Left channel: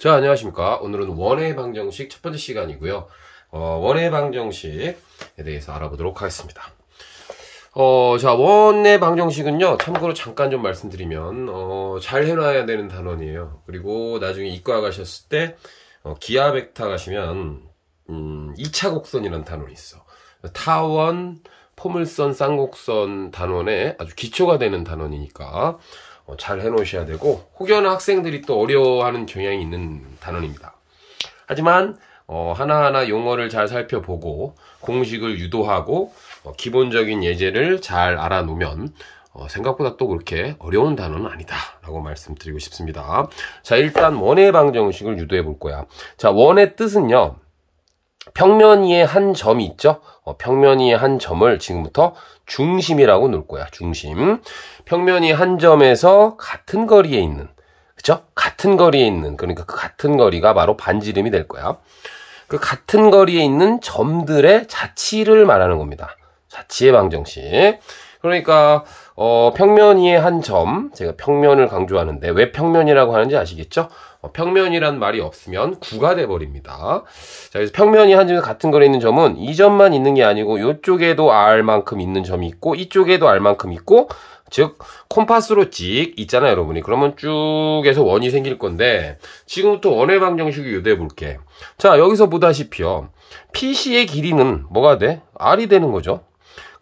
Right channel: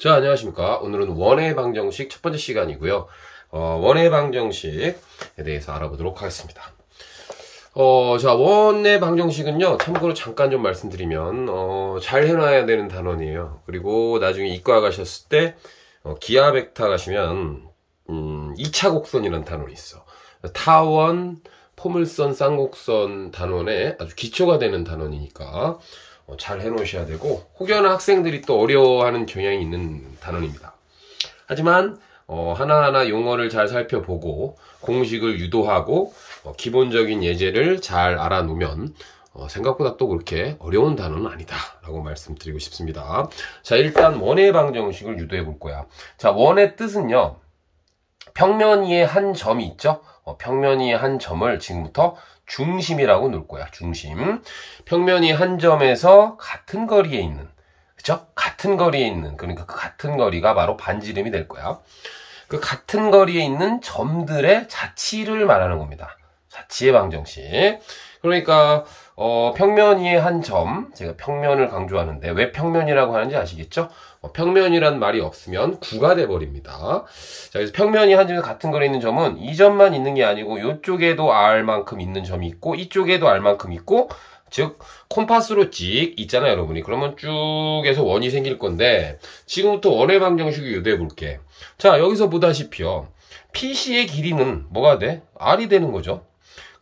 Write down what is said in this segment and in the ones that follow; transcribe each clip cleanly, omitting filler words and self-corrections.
자, 안녕하십니까. 오늘은 원의 방정식 첫 번째 시간이고요. 원의 방정식에 대해서 알아보도록 하겠습니다. 자, 원의 방정식은요, 참고로 잠깐 좀 말씀드리면, 잘 해놔야 되는 단원이에요. 그리고 나중에 이과 가셨을 때, 기하 벡터 가시면, 2차 곡선이라는 단원이 있어. 타원, 포물선, 쌍곡선 단원에 아주 기초가 되는 단원이니까, 잘 해놓으셔야 되고, 혹여나 학생들이 또 어려워하는 경향이 있는 단원입니다. 하지만 하나하나 용어를 잘 살펴보고 공식을 유도하고 기본적인 예제를 잘 알아놓으면 생각보다 또 그렇게 어려운 단어는 아니다 라고 말씀드리고 싶습니다. 자, 일단 원의 방정식을 유도해 볼 거야. 자, 원의 뜻은요, 평면 위에 한 점이 있죠. 평면 위에 한 점을 지금부터 중심이라고 놓을 거야. 중심. 평면 위에 한 점에서 같은 거리에 있는, 그쵸? 같은 거리에 있는, 그러니까 그 같은 거리가 바로 반지름이 될 거야. 그 같은 거리에 있는 점들의 자치를 말하는 겁니다. 자치의 방정식. 그러니까 평면 위에 한 점, 제가 평면을 강조하는데 왜 평면이라고 하는지 아시겠죠? 평면이란 말이 없으면 구가 돼버립니다. 자, 그래서 평면이 한 점에 같은 거리에 있는 점은 이 점만 있는 게 아니고 이쪽에도 R만큼 있는 점이 있고 이쪽에도 R만큼 있고, 즉 콤파스로 찍 있잖아요, 여러분이. 그러면 쭉 해서 원이 생길 건데, 지금부터 원의 방정식을 유도해 볼게. 자, 여기서 보다시피요, PC의 길이는 뭐가 돼? R이 되는 거죠.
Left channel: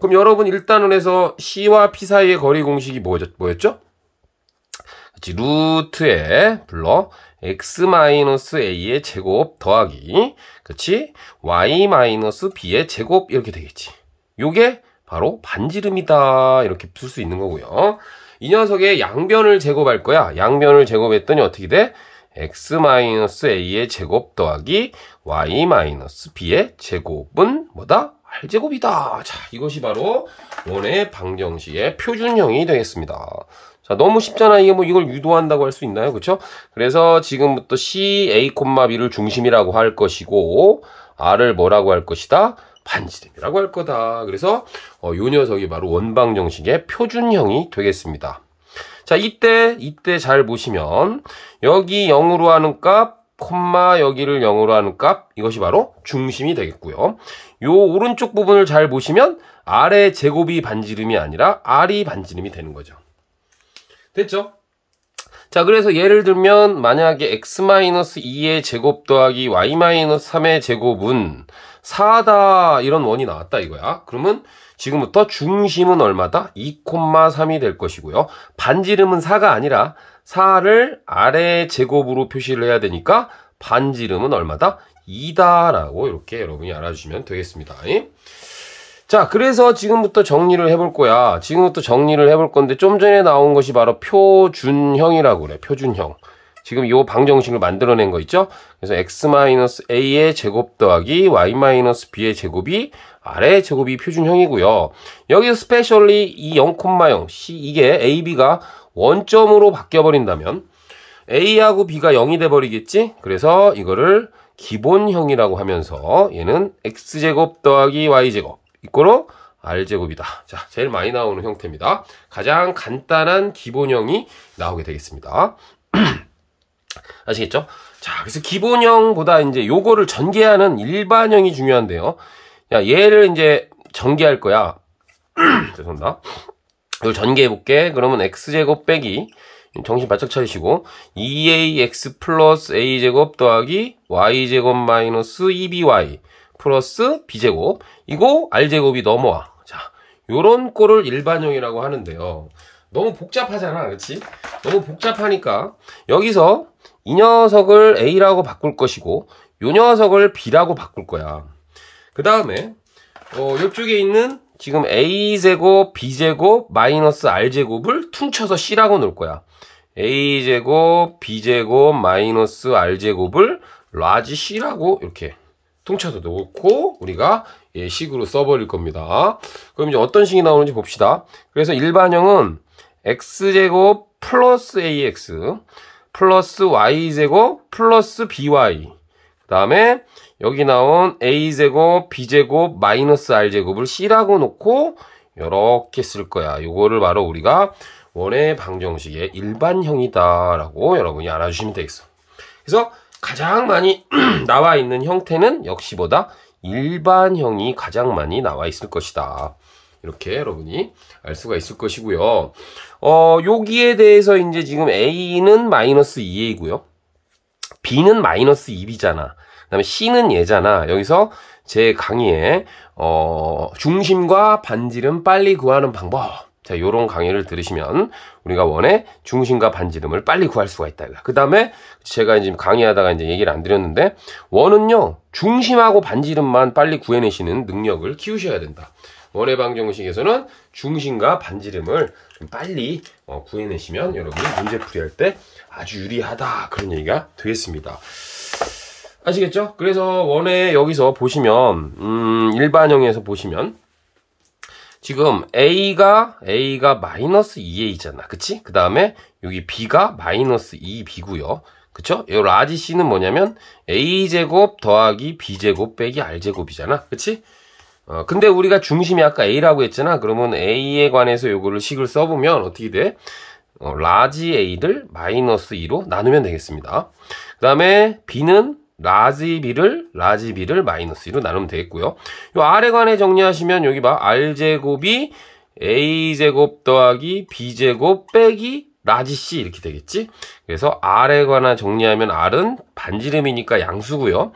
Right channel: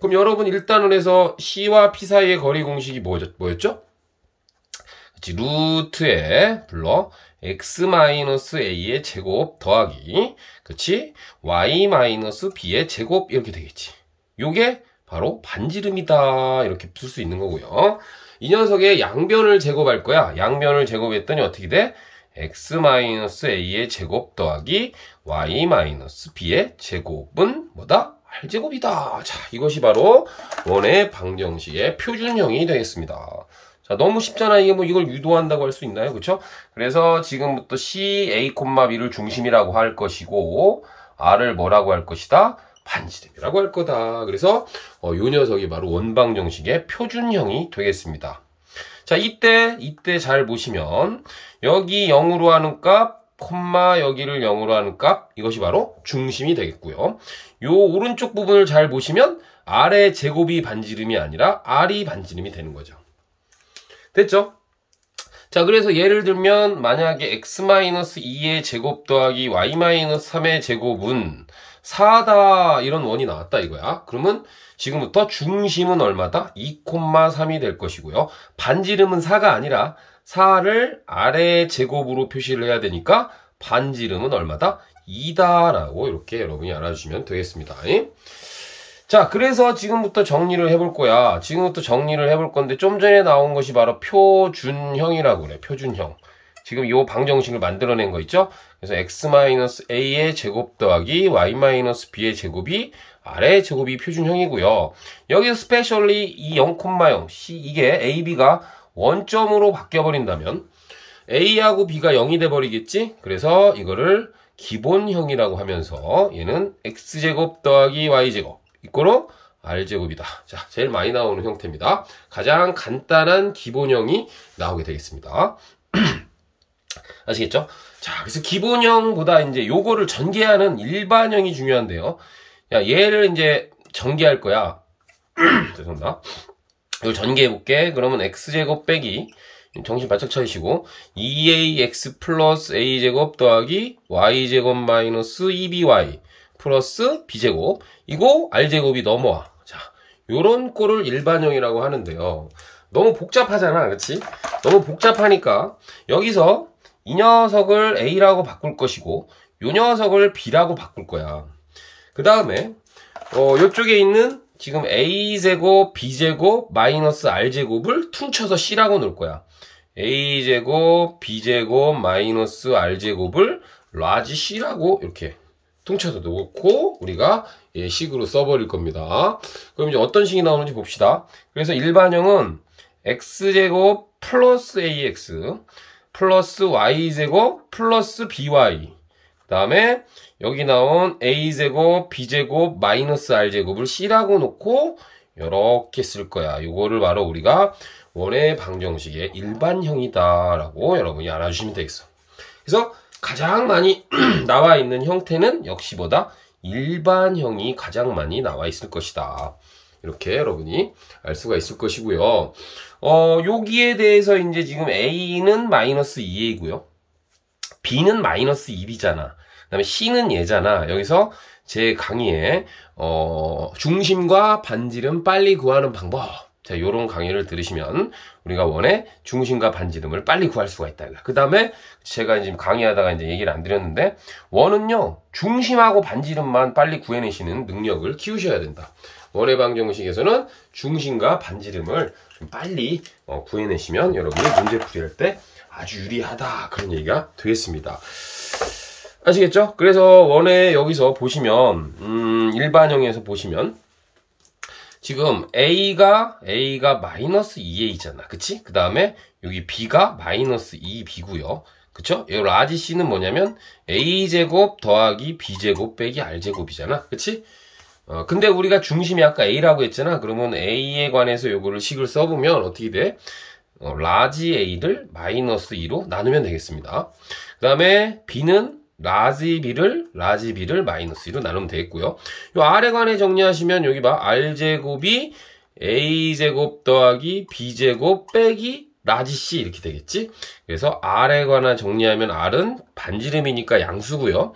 그럼 여러분 일단은 해서 C와 P 사이의 거리 공식이 뭐였죠? 그치, 루트에 불러 x-a의 제곱 더하기, 그치, y-b의 제곱 이렇게 되겠지. 요게 바로 반지름이다 이렇게 풀 수 있는 거고요. 이 녀석의 양변을 제곱할 거야. 양변을 제곱했더니 어떻게 돼? x-a의 제곱 더하기 y-b의 제곱은 뭐다? R제곱이다. 자, 이것이 바로 원의 방정식의 표준형이 되겠습니다. 자, 너무 쉽잖아. 이게 뭐 이걸 유도한다고 할 수 있나요? 그쵸? 그래서 지금부터 C, A, B를 중심이라고 할 것이고, R을 뭐라고 할 것이다? 반지름이라고 할 거다. 그래서 요 녀석이 바로 원방정식의 표준형이 되겠습니다. 자, 이때 잘 보시면 여기 0으로 하는 값, 콤마 여기를 0으로 하는 값, 이것이 바로 중심이 되겠고요. 요 오른쪽 부분을 잘 보시면 R의 제곱이 반지름이 아니라 R이 반지름이 되는 거죠. 됐죠? 자, 그래서 예를 들면 만약에 x-2의 제곱 더하기 y-3의 제곱은 4다 이런 원이 나왔다 이거야. 그러면 지금부터 중심은 얼마다? 2,3이 될 것이고요. 반지름은 4가 아니라 4를 아래 제곱으로 표시를 해야 되니까 반지름은 얼마다? 2다 라고 이렇게 여러분이 알아주시면 되겠습니다. 자, 그래서 지금부터 정리를 해볼 거야. 지금부터 정리를 해볼 건데 좀 전에 나온 것이 바로 표준형이라고 그래. 표준형. 지금 이 방정식을 만들어낸 거 있죠? 그래서 x-a의 제곱 더하기 y-b의 제곱이 R의 제곱이 표준형이고요. 여기서 스페셜리 이 0,0 C, 이게 a, b가 원점으로 바뀌어버린다면 a하고 b가 0이 돼버리겠지? 그래서 이거를 기본형이라고 하면서 얘는 x제곱 더하기 y제곱 이거로 R제곱이다. 자, 제일 많이 나오는 형태입니다. 가장 간단한 기본형이 나오게 되겠습니다. 아시겠죠? 자, 그래서 기본형보다 이제 요거를 전개하는 일반형이 중요한데요. 야, 얘를 이제 전개할 거야. 죄송합니다. 이걸 전개해 볼게. 그러면 x제곱 빼기, 정신 바짝 차리시고 2ax 플러스 a제곱 더하기 y제곱 마이너스 2by 플러스 b제곱, 이거 R제곱이 넘어와. 자, 요런 꼴을 일반형이라고 하는데요. 너무 복잡하잖아, 그렇지? 너무 복잡하니까 여기서 이 녀석을 A라고 바꿀 것이고 요 녀석을 B라고 바꿀 거야. 그 다음에 요쪽에 있는 지금 A제곱, B제곱, 마이너스 R제곱을 퉁쳐서 C라고 놓을 거야. A제곱, B제곱, 마이너스 R제곱을 라지 C라고 이렇게 퉁쳐서 놓고 우리가 식으로 써버릴 겁니다. 그럼 이제 어떤 식이 나오는지 봅시다. 그래서 일반형은 x제곱 플러스 ax 플러스 y제곱 플러스 by, 그 다음에 여기 나온 a제곱 b제곱 마이너스 r제곱을 c라고 놓고 이렇게 쓸 거야. 이거를 바로 우리가 원의 방정식의 일반형이다 라고 여러분이 알아주시면 되겠어. 그래서 가장 많이 나와 있는 형태는 역시 뭐다? 일반형이 가장 많이 나와 있을 것이다. 이렇게 여러분이 알 수가 있을 것이고요. 여기에 대해서 이제 지금 A는 마이너스 2A고요. B는 마이너스 1이잖아. 그 다음에 C는 얘잖아. 여기서 제 강의에 중심과 반지름 빨리 구하는 방법. 자, 요런 강의를 들으시면 우리가 원의 중심과 반지름을 빨리 구할 수가 있다. 그 다음에 제가 지금 강의하다가 이제 얘기를 안 드렸는데, 원은요, 중심하고 반지름만 빨리 구해내시는 능력을 키우셔야 된다. 원의 방정식에서는 중심과 반지름을 좀 빨리 구해내시면 여러분이 문제 풀이할 때 아주 유리하다. 그런 얘기가 되겠습니다. 아시겠죠? 그래서 원의 여기서 보시면, 일반형에서 보시면, 지금 A가 마이너스 2A잖아. 그치? 그 다음에 여기 B가 마이너스 2B고요. 그쵸? 이 라지 C는 뭐냐면 A제곱 더하기 B제곱 빼기 R제곱이잖아. 그치? 근데 우리가 중심이 아까 A라고 했잖아. 그러면 A에 관해서 요거를 식을 써보면 어떻게 돼? 라지 A를 마이너스 2로 나누면 되겠습니다. 그 다음에 B는 라지 B를 마이너스 2로 나누면 되겠고요. 요 R에 관해 정리하시면 여기 봐. R제곱이 A제곱 더하기 B제곱 빼기 라지 C 이렇게 되겠지? 그래서 R에 관해 정리하면 R은 반지름이니까 양수고요.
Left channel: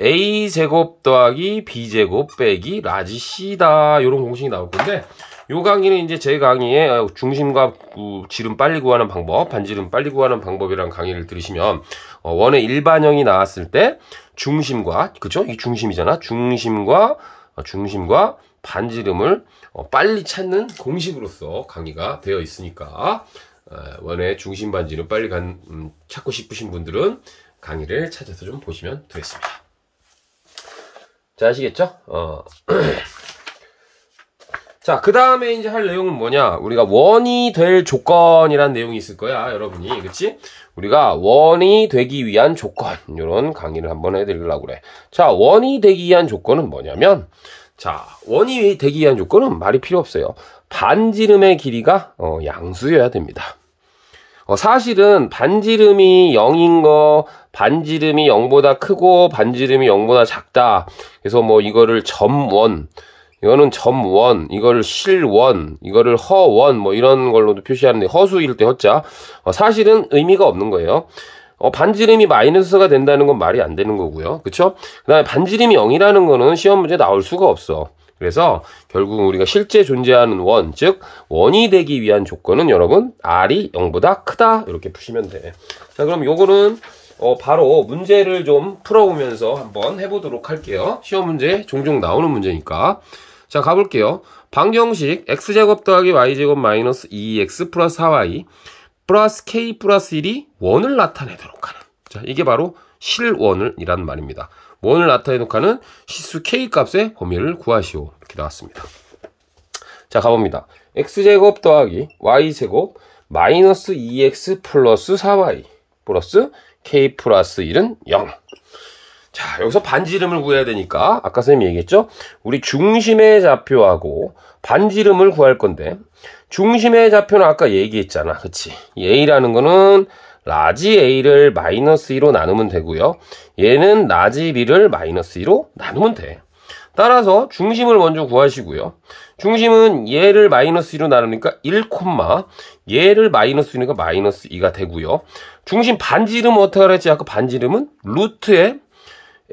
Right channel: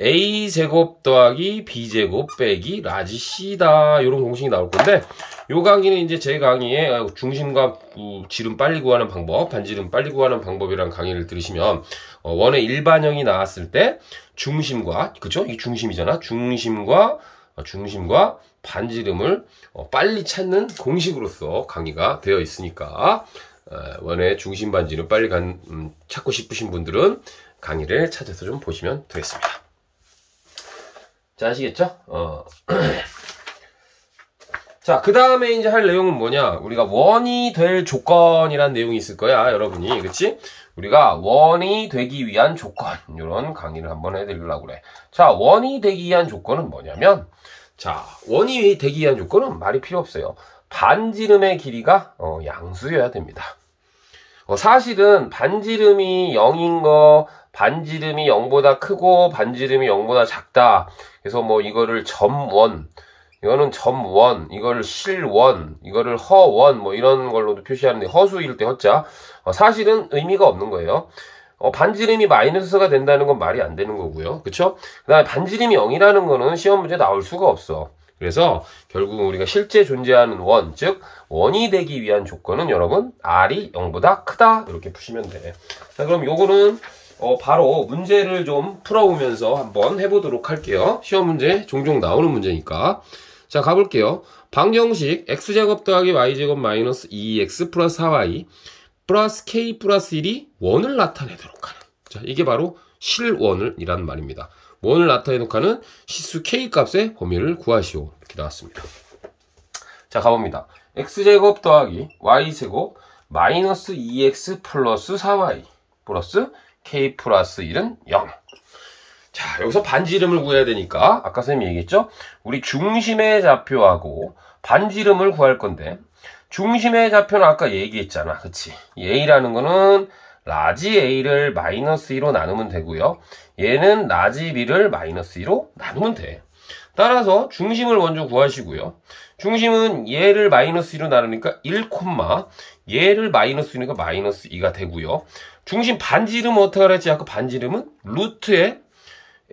A제곱 더하기 B제곱 빼기 라지 C다. 요런 공식이 나올 건데, 요 강의는 이제 제 강의에 중심과 지름 빨리 구하는 방법, 반지름 빨리 구하는 방법이라는 강의를 들으시면 원의 일반형이 나왔을 때 중심과, 그죠? 이 중심이잖아. 중심과 반지름을 빨리 찾는 공식으로서 강의가 되어 있으니까 원의 중심 반지름 빨리 찾고 싶으신 분들은 강의를 찾아서 좀 보시면 되겠습니다. 자, 아시겠죠? 자, 그 다음에 이제 할 내용은 뭐냐? 우리가 원이 될 조건이란 내용이 있을 거야, 여러분이. 그치? 우리가 원이 되기 위한 조건, 이런 강의를 한번 해드리려고 그래. 자, 원이 되기 위한 조건은 뭐냐면, 자, 원이 되기 위한 조건은 말이 필요 없어요. 반지름의 길이가 양수여야 됩니다. 사실은 반지름이 0인 거, 반지름이 0보다 크고 반지름이 0보다 작다. 그래서 뭐 이거를 점원, 이거는 점원, 이거를 실원, 이거를 허원, 뭐 이런 걸로도 표시하는데, 허수일 때 허자. 사실은 의미가 없는 거예요. 반지름이 마이너스가 된다는 건 말이 안 되는 거고요. 그쵸? 그 다음에 반지름이 0이라는 거는 시험 문제에 나올 수가 없어. 그래서 결국 우리가 실제 존재하는 원, 즉 원이 되기 위한 조건은 여러분 R이 0보다 크다. 이렇게 푸시면 돼. 자, 그럼 요거는 바로 문제를 좀 풀어보면서 한번 해보도록 할게요. 시험 문제 종종 나오는 문제니까. 자, 가볼게요. 방정식 x제곱 더하기 y제곱 마이너스 2x 플러스 4y 플러스 k 플러스 1이 원을 나타내도록 하는. 자, 이게 바로 실원이라는 말입니다. 원을 나타내도록 하는 시수 k 값의 범위를 구하시오. 이렇게 나왔습니다. 자, 가봅니다. x제곱 더하기 y제곱 마이너스 2x 플러스 4y 플러스 k 플러스 1은 0. 자, 여기서 반지름을 구해야 되니까 아까 선생님이 얘기했죠? 우리 중심의 좌표하고 반지름을 구할 건데, 중심의 좌표는 아까 얘기했잖아. 그치? A라는 거는 라지 A를 마이너스 2로 나누면 되고요. 얘는 라지 B를 마이너스 2로 나누면 돼. 따라서 중심을 먼저 구하시고요. 중심은 얘를 마이너스 2로 나누니까 1, 얘를 마이너스 2니까 마이너스 2가 되고요. 중심 반지름은 어떻게 하랬지? 아까 반지름은 루트에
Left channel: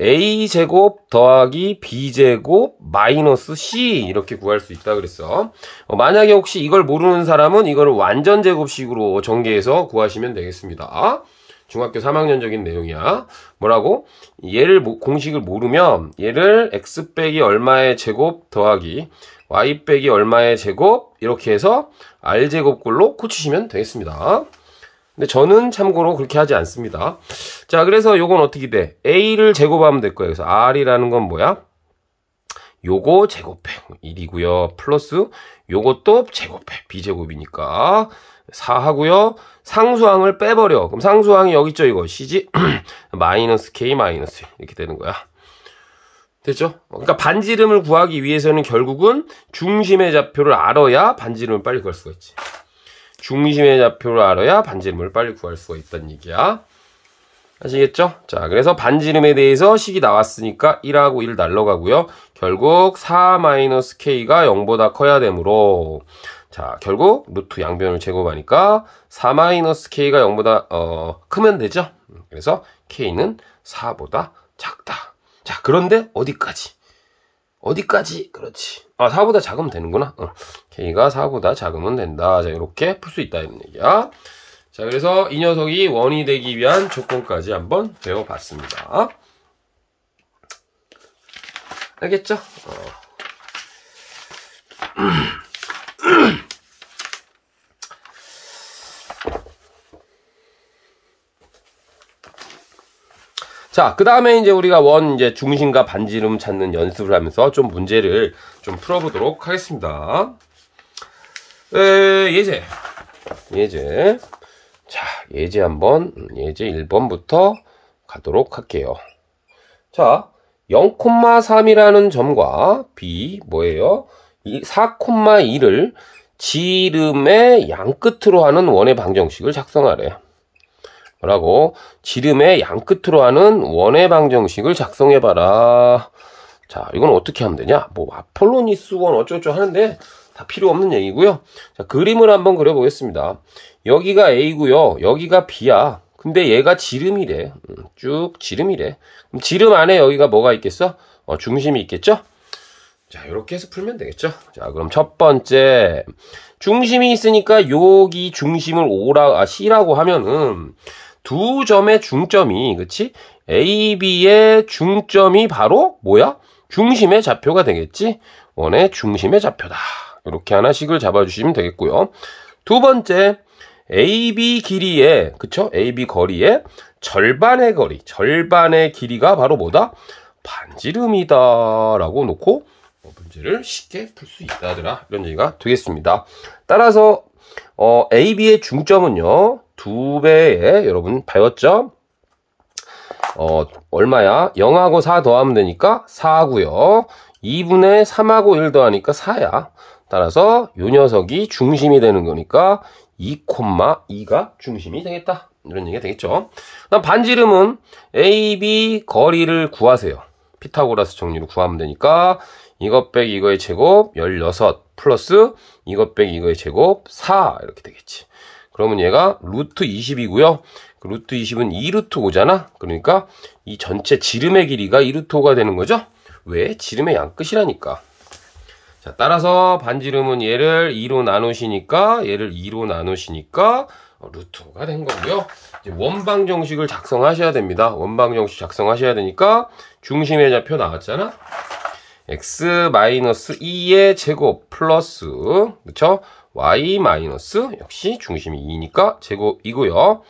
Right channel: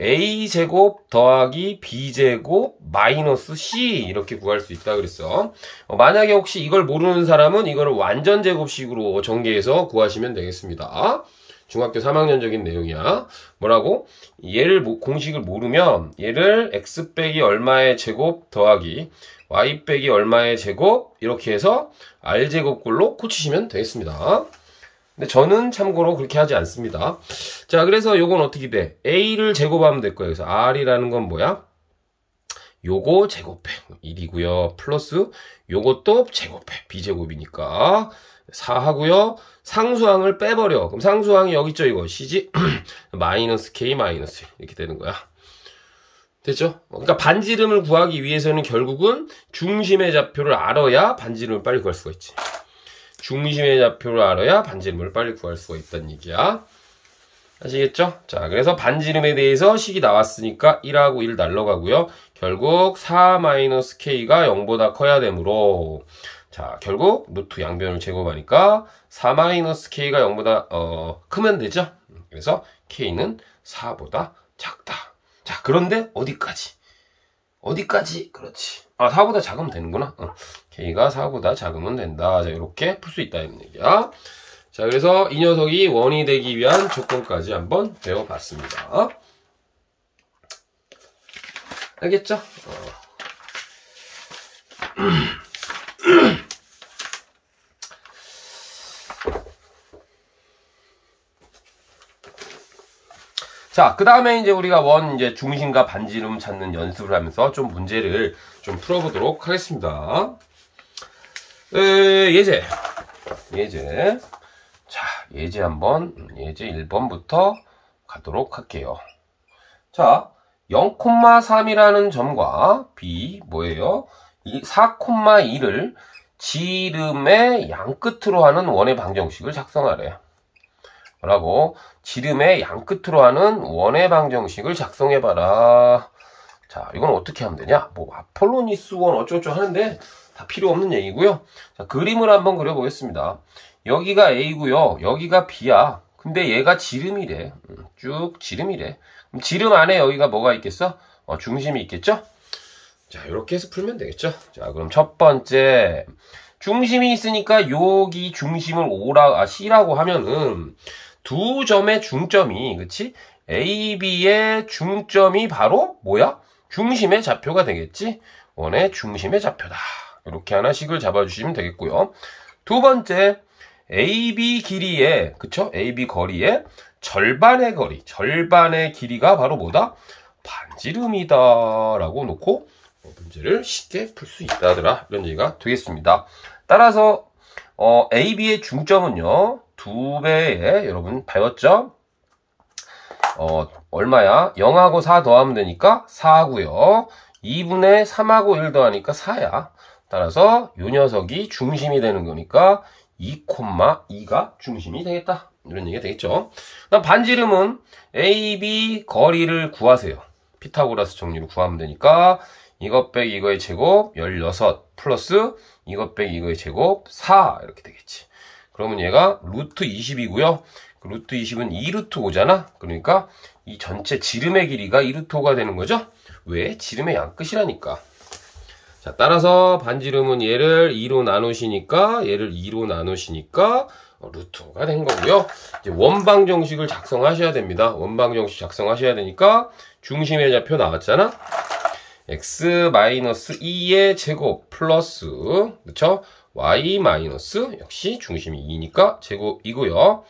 A제곱 더하기 B제곱 마이너스 C 이렇게 구할 수 있다 그랬어. 만약에 혹시 이걸 모르는 사람은 이거를 완전 제곱식으로 전개해서 구하시면 되겠습니다. 중학교 3학년적인 내용이야. 뭐라고? 얘를 공식을 모르면 얘를 x 빼기 얼마의 제곱 더하기 y 빼기 얼마의 제곱 이렇게 해서 r제곱꼴로 고치시면 되겠습니다. 근데 저는 참고로 그렇게 하지 않습니다. 자, 그래서 요건 어떻게 돼? A를 제곱하면 될 거예요. 그래서 R이라는 건 뭐야? 요거 제곱해. 1이고요. 플러스 요것도 제곱해. B제곱이니까 4 하고요. 상수항을 빼버려. 그럼 상수항이 여기 있죠, 이거. C지? 마이너스 K 마이너스 이렇게 되는 거야. 됐죠? 그러니까 반지름을 구하기 위해서는 결국은 중심의 좌표를 알아야 반지름을 빨리 구할 수가 있지. 중심의 좌표를 알아야 반지름을 빨리 구할 수가 있다는 얘기야. 아시겠죠? 자, 그래서 반지름에 대해서 식이 나왔으니까 1하고 1 날라가고요. 결국 4-k가 0보다 커야 되므로, 자, 결국 루트 양변을 제곱하니까 4-k가 0보다 크면 되죠? 그래서 k는 4보다 작다. 자, 그런데 어디까지? 그렇지. 4보다 작으면 되는구나. k가 4보다 작으면 된다. 자, 이렇게 풀 수 있다는 얘기야. 자, 그래서 이 녀석이 원이 되기 위한 조건까지 한번 배워봤습니다. 알겠죠? 자, 그 다음에 이제 우리가 이제 중심과 반지름 찾는 연습을 하면서 좀 문제를 좀 풀어보도록 하겠습니다. 예제. 자, 예제 1번부터 가도록 할게요. 자, 0,3이라는 점과 B, 뭐예요? 이 4,2를 지름의 양끝으로 하는 원의 방정식을 작성하래. 뭐라고? 지름의 양끝으로 하는 원의 방정식을 작성해봐라. 자, 이건 어떻게 하면 되냐? 뭐, 아폴로니스원 어쩌고저쩌고 하는데 다 필요 없는 얘기고요. 자, 그림을 한번 그려보겠습니다. 여기가 A고요. 여기가 B야. 근데 얘가 지름이래. 쭉 지름이래. 그럼 지름 안에 여기가 뭐가 있겠어? 중심이 있겠죠? 자, 이렇게 해서 풀면 되겠죠? 자, 그럼 첫 번째. 중심이 있으니까 여기 중심을 C라고 하면은 두 점의 중점이, 그치? A, B의 중점이 바로 뭐야? 중심의 좌표가 되겠지? 원의 중심의 좌표다. 이렇게 하나씩을 잡아주시면 되겠고요. 두 번째, AB 길이에, 그쵸? AB 거리에 절반의 길이가 바로 뭐다? 반지름이다. 라고 놓고 문제를 쉽게 풀 수 있다더라. 이런 얘기가 되겠습니다. 따라서, AB의 중점은요, 2배에, 여러분, 배웠죠? 얼마야? 0하고 4 더하면 되니까 4고요. 2분의 3하고 1 더하니까 4야. 따라서 요 녀석이 중심이 되는 거니까 2,2가 중심이 되겠다. 이런 얘기가 되겠죠. 그다음 반지름은 AB 거리를 구하세요. 피타고라스 정리로 구하면 되니까 이것 빼기 이거의 제곱 16 플러스 이것 빼기 이거의 제곱 4 이렇게 되겠지. 그러면 얘가 루트 20이고요. 그 루트 20은 2루트 5잖아. 그러니까 이 전체 지름의 길이가 2루트 5가 되는 거죠. 왜? 지름의 양끝이라니까. 자, 따라서 반지름은 얘를 2로 나누시니까 루트 5가 된 거고요. 이제 원방정식을 작성하셔야 됩니다. 원방정식 작성하셔야 되니까 중심의 좌표 나왔잖아. x-2의 제곱 플러스, 그쵸? y- 역시 중심이 2니까 제곱이고요.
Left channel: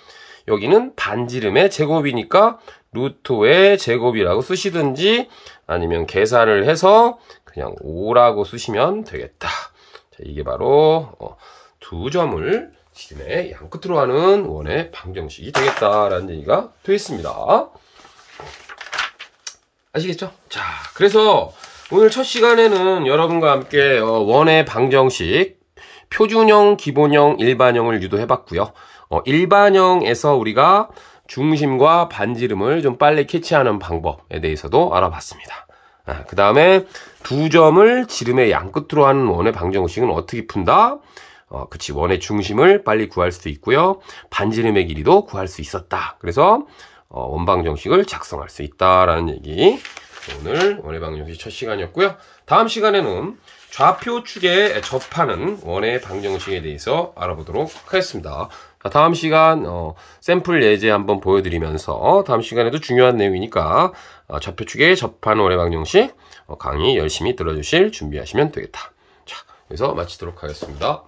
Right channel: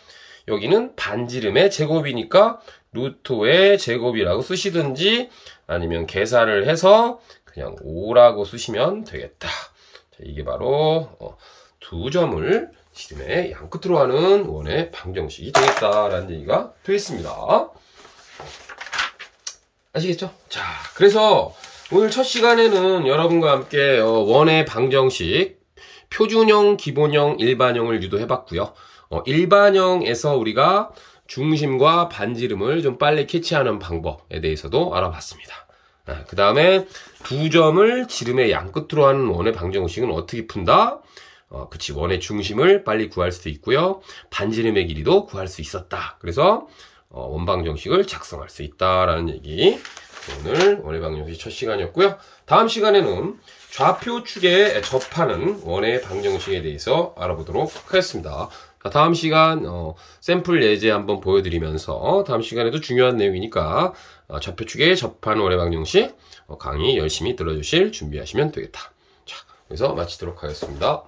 여기는 반지름의 제곱이니까 루트 5의 제곱이라고 쓰시든지 아니면 계산을 해서 그냥 5라고 쓰시면 되겠다. 자, 이게 바로 두 점을 지름의 양끝으로 하는 원의 방정식이 되겠다라는 얘기가 되겠습니다. 아시겠죠? 자, 그래서 오늘 첫 시간에는 여러분과 함께 원의 방정식, 표준형, 기본형, 일반형을 유도해봤고요. 일반형에서 우리가 중심과 반지름을 좀 빨리 캐치하는 방법에 대해서도 알아봤습니다. 그 다음에 두 점을 지름의 양끝으로 하는 원의 방정식은 어떻게 푼다? 그치, 원의 중심을 빨리 구할 수 있고요. 반지름의 길이도 구할 수 있었다. 그래서 원방정식을 작성할 수 있다라는 얘기. 오늘 원의 방정식 첫 시간이었고요. 다음 시간에는 좌표축에 접하는 원의 방정식에 대해서 알아보도록 하겠습니다. 다음 시간 샘플 예제 한번 보여드리면서 다음 시간에도 중요한 내용이니까 좌표축에 접하는 원의 방정식 강의 열심히 들어주실 준비하시면 되겠다. 자, 여기서 마치도록 하겠습니다.